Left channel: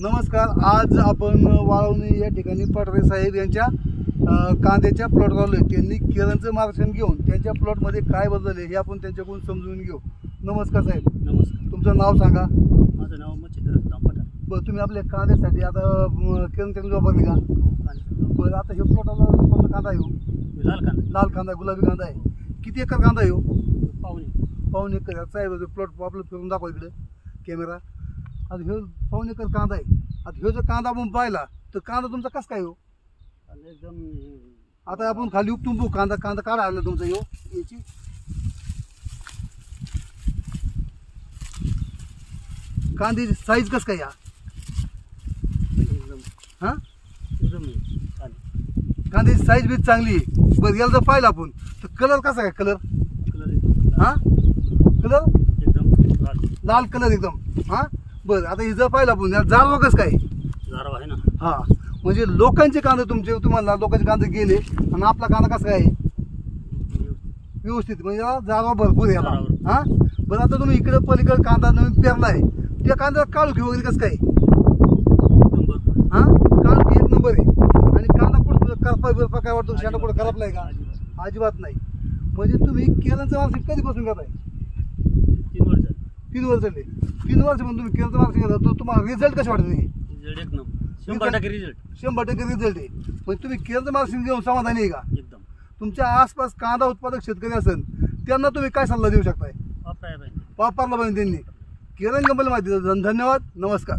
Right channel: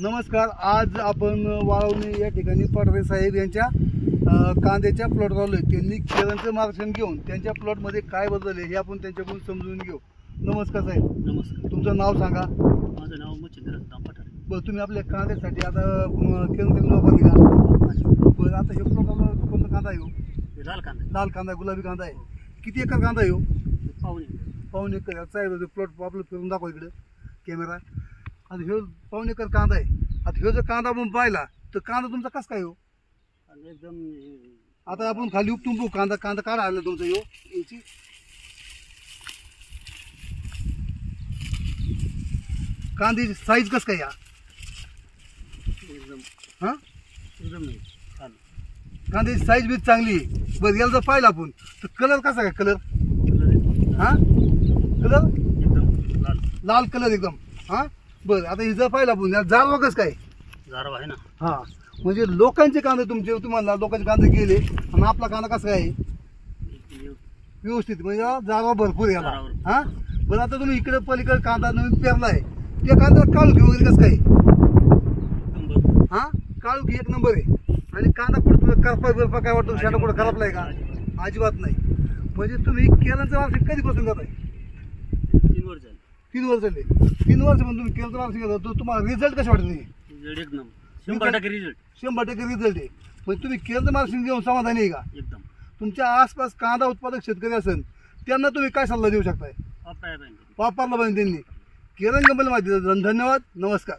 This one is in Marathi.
नमस्कार. आज आपण वाळवणे या ठिकाणी पटरे साहेब यांच्या कांद्याच्या प्लॉटवर आलोय. त्यांनी केळांचं मार्गदर्शन घेऊन त्यांच्या प्लॉटमध्ये काय बदलले हे आपण त्यांच्याकडून समजून घेऊ. नमस्कार साहेब. नमस्कार. तुमचं नाव सांगा. माझं नाव मच्छिंद्र पठारे. बरं, तुम्ही आपल्या कांद्यासाठी आता केळं त्यांनी वापरली का? बरं, आता हे प्लॉटला कोणता कांदा आहे? लाल कांदा. लाल कांदा, गुलाबी कांदा आहे. किती एकर कांदा आहे? पाऊण एकर. साहेब प्लॉट आपलं फिरून दाखवा इकडं कॅमेरा. आता हे पाऊण एकर कांदा आहे. आता हे जर कांदा आपण पाहिला तर कांदा तुमचा कसं काय हो? एकदम. आता आपण खाली उपटून बघू. कांदा काढा आलं तुमचं हो याची. कांद्याची साईज कसं काय या? एकदम हां, एकदम कांद्याची साईज बी चांगली आहे. बरं, याला जर पाहिलं आपण तर कलर कसा काय? कलर हां, कलर एकदम लाल लाल कलर एकदम. हां, बरं. आता हे जर पाहिलं आपण याला जारवा कसं काय? जारव आहे ना. हां, म्हणजे लोकांचे कांदे तुम्हाला लोकांचे कांदे गेले आणि आपला कांदा कसा आहे? व्यवस्थित, म्हणजे जारवा भरपूर याला. हां, बरं. आता तुम्ही इकडे पलीकडे कांदा नवीन पेरला आहे, त्या कांद्याला काळुखी वगैरे कसं काय? हां, काळुखी एक नंबर आहे. आणि कांदा कुठं करपा काय वाटतं? शेंडा कुठं खराबलाय का? अजिबात नाही. म्हणजे तुम्ही केळांचं मार्गदर्शन कधीपासून करताय? 3 वर्ष झाली. 3 वर्ष झाले. 3 वर्ष पण तुम्ही केळांचं मार्गदर्शन करता, तर तुम्हाला रिझल्ट कसे वाटत नाही? रिझल्ट एकदम 100% रिझल्ट. 100% रिझल्ट आहे. म्हणजे तुम्ही केळांचं मार्गदर्शन घेऊन समाधानी आहे का? एकदम. तुमच्या आसपास कांदा उत्पादक शेतकरी असेल त्यांना तुम्ही काय सल्ला देऊ शकताय? वापरायला पाहिजे. वापरला पाहिजे त्यांनी. केरन कंपनी माहिती. धन्यवाद. नमस्कार.